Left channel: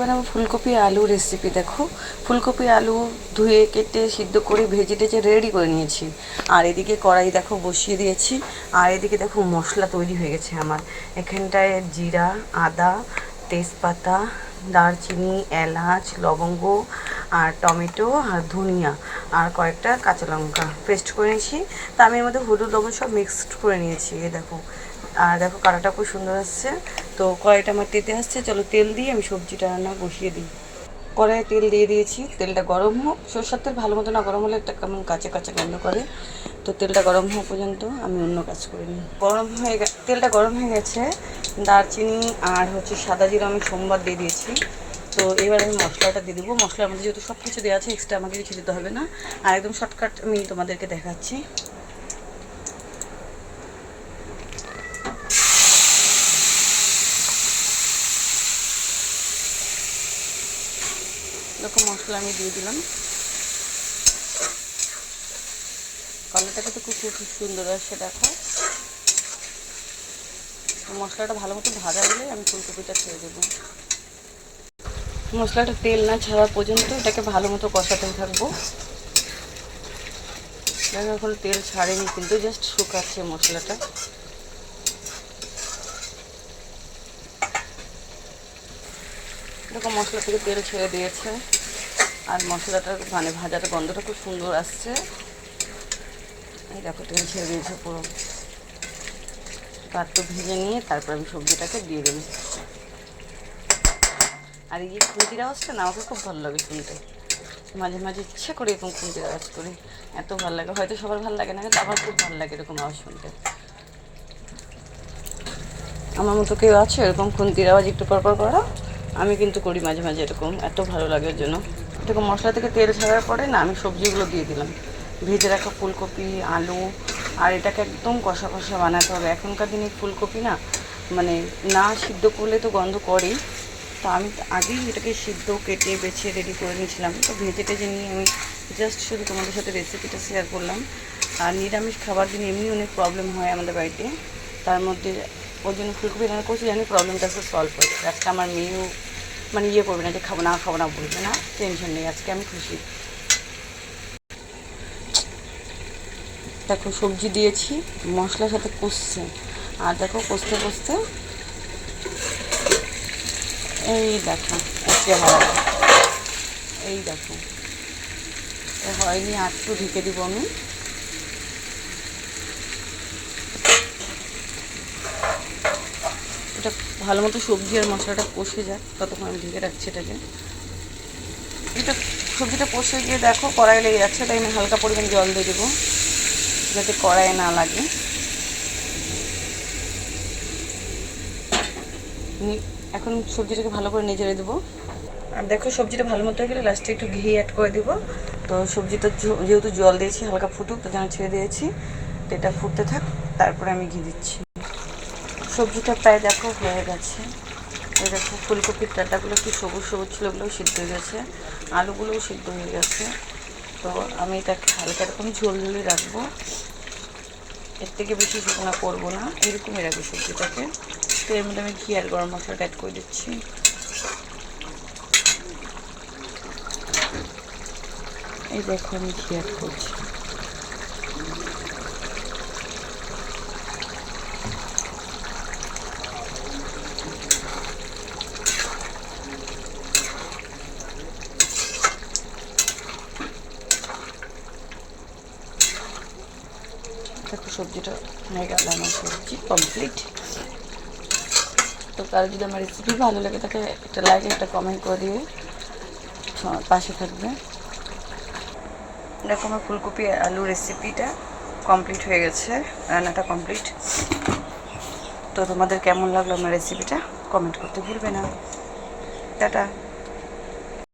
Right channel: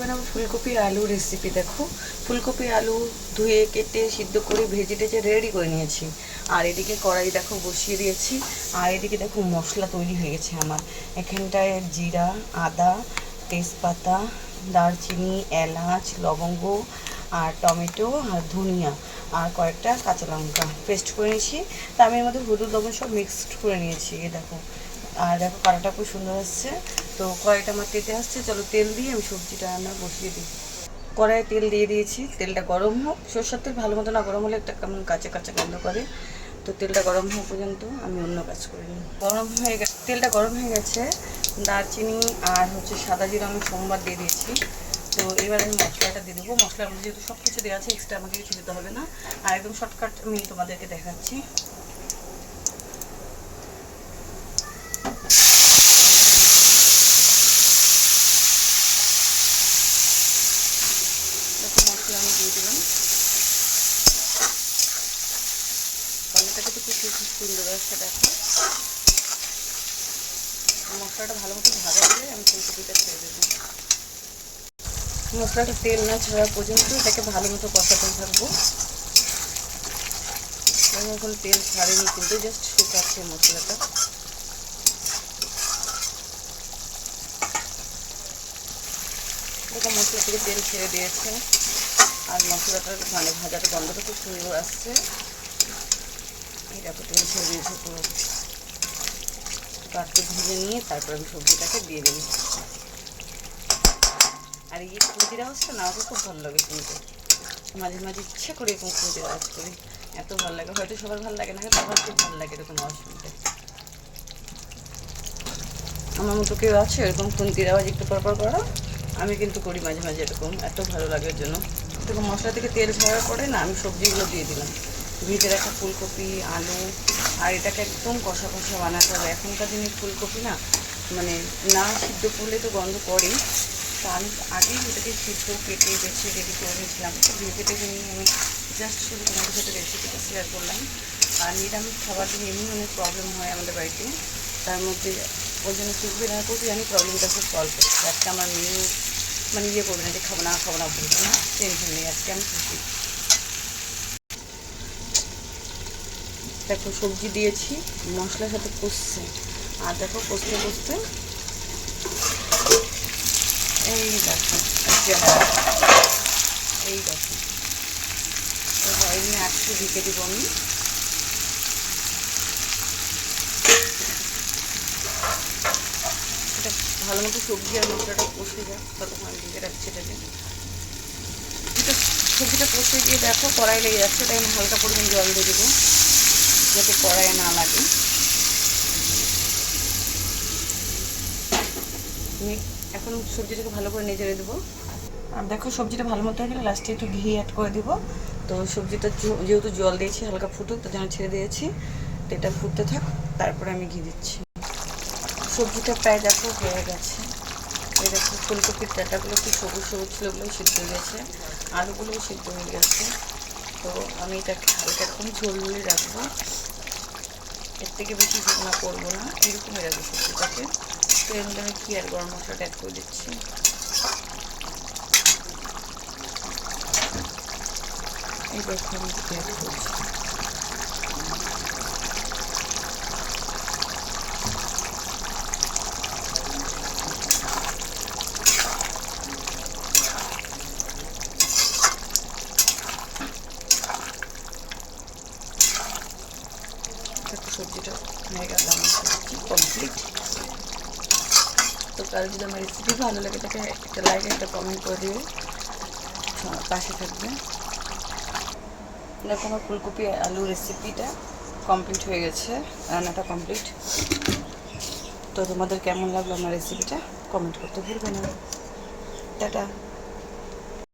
বানাবো ফুলকপি আলু রেসিপি দেখো। ফুলকপি আলু ধুয়ে কেটে সিদ্ধ করে ভেজে টেজে রেডি করে নিয়েছি। আর এদিকে কড়াই দেখো বসিয়ে দিয়েছি। আর এদিকে দেখো মশলা তৈরি হয়ে গেছে আমার। এখানটায় জিরা, আদা, তেজপাতা, দারচিনি, এলাচ, লবঙ্গ, আর টমেটো আর ধনিয়া আর কয়েকটা কাঁচা লঙ্কা পেস্ট করে নিয়েছি। তা আমি এর মধ্যে হলুদ, লবণ সব মিক্সড করে নিয়েছি। দেখো। আর দেখো কালারটা খুব সুন্দর আসছে। তো কড়াইটা আমার তেতে আসছে, চলো তেল দিয়ে আমি সবজিটা রান্না বসিয়ে দিই। কড়াইয়ে তেল দিয়ে দিয়েছি, তেলটা গরম হোক, সরষের তেল ভালো মতো না গরম হলে একটা কেমন কাঁচা কাঁচা গন্ধ করে। তো তেলটা গরম হওয়া পর্যন্ত আমি অন্য কাজ করে গরম হয়ে গে, তেলটা গরম হয়ে গেছে, দারচিনি আর হচ্ছে সাদা জিরা আমি সোমবার দিয়ে দিয়েছি। তো এবার আমি মশলাটা দিয়ে দেবো। মশলার মধ্যে যেহেতু সব কিছু দেওয়া আছে এক্সট্রা আমাকে কিছু দিতে হবে না। আর একদম শর্টকাট আমি তোমাদেরকে দেখাচ্ছি। এরকম মশলা আমি দিয়ে দিলাম। কালারটা তো খুব খুব সুন্দর আসছে দেখো। মশলাটা ভালো মতো ভাজা হলে আমি ফুলকপিটা ছেড়ে দেবো। মশলাটা তেল না ছাড়া পর্যন্ত এটাকে ভালো মতো কষাতে থাকব। দেখো এখন তেল ছাড়েনি, কিন্তু জাস্ট শুকাচ্ছে মশলাটা। দেখো মশলা থেকে তেল ছেড়ে দিয়েছে। আর মশলাটার মানে ভাজাটা, গন্ধটা খুব সুন্দর আসছে। এই দেখো, তেল ছেড়ে দিয়েছে পুরো। একটু ভেজে নিয়ে তারপর আমি সবজিটাকে দিয়ে দেবো। আর এই খুঁতির আওয়াজটা না আমাকে খুব ভালো লাগে শুনতে। মাঝে মাঝে ইচ্ছে করে এরকম খুঁতির আওয়াজ করি। এত ভালো লাগে। হয়তো সবার ভালো লাগে না, কিন্তু আমার খুব ভালো লাগে এরকম আওয়াজ শুনতে। আমার মতো কেউ আছে? এরকম খুন্তির আওয়াজ একটু পর পর করা। আমি কিন্তু করি মাঝে মাঝে এরকম, এত ভালো লাগে এর জন্য। এরকম মশলা থেকে তেল ছাড়ার পরে না, আমি সবজিগুলো দিয়ে দিলাম। ভেজে রাখা ফুলকপি, আলু, আর এটাকে একদম কষা কষা বানাতে হবে। এখনকার দিনে ফুলকপি না মানে না সিদ্ধ করলে তো গন্ধ করেই। তো আমি আগেই এটাকে সিদ্ধ, কেটে, বেছে রেডি করে নিয়েছিলাম। তো ভেজে টেজে নিয়ে আমি জাস্ট শুধু তোমাদের সাথে রেসিপিটা শেয়ার করলাম। আর নিরামিষ খাবার দিন, এমনি অনেক প্রবলেম হয় আমাদের বাড়িতে। তার মধ্যে ওই জন্য ফুলকপি রান্না করতে জানি প্রবলেমটা খুব সলভ হয়েছে একটা আমার মেনু মানে ইয়ে করবে না যে খাব না খাব না বলবে না টেনশন নেই, আজকে আমি খুশি। দেখো, সবজি দিয়েছি, মশলার সাথে কষছে। আর দেখো, কষতে কষতে এই দেখো চেহারা। এই দেখো। হয়নি একটু ঢেকে দিব আমি এটা ভালো মতো সবজি আর মশলাটা কষে যাক ততক্ষণ আমি ঢেকে রাখছি এটাকে। এটা সবজিটা কষে গিয়ে দেখো, কড়াই লেগে যাচ্ছে, তাই আমি হালকা পরিমাণ জল দিয়ে দেবো, যাতে কড়াইয়ে না লাগে। এখন সবজিটাকে ভালো করে নেজেড়ে দেবো। আর দেখো, সবজিটা ভালো মতো হয়ে গেলে লাস্টে একটু ঘি অ্যাড করে দেবো। তো সবজিটা যেহেতু জল দিয়েছি, হালকা ফুটুক, তো যেন ছেড়ে দিয়েছি। তো এটা ফুটতে থাক, তারপরে আমি ঘি দিচ্ছি। সবজিটা প্রায় দেখো হয়ে গেছে। এই দেখো ফুলকপির ডাটাগুলো কি সবুজ সবুজ ছিল ওগুলোও সিদ্ধ হয়ে গেছে। আলুগুলোও সিদ্ধ হয়ে গেছে। তো আমি এটাকে হালকা এরকম ঝোল ঝোলই রাখব। এর থেকে বেশি শুকনো করব না। এরকমই রাখব সবজিটাকে। তো এর মধ্যে আমি ঘি আর গরম মশলাটা অ্যাড করে দিচ্ছি। এই দেখো আমি ঘি অ্যাড করছি। দেখো সবজিটা হয়ে গেল আমার সবজি কমপ্লিট তো কারও যদি আমার রেসিপি ভালো লাগে, তাকে একটা লাইক একটা কমেন্ট করে দিবে পাশে থাকবে দেখো আমার ফুলকপি আলু রেসিপিটা কমপ্লিট হয়ে গেছে, রান্নাটা কমপ্লিট তো তোমাদের কেমন লাগল আমার রেসিপিটা কমেন্ট করতে ভুলবে না। টাটা।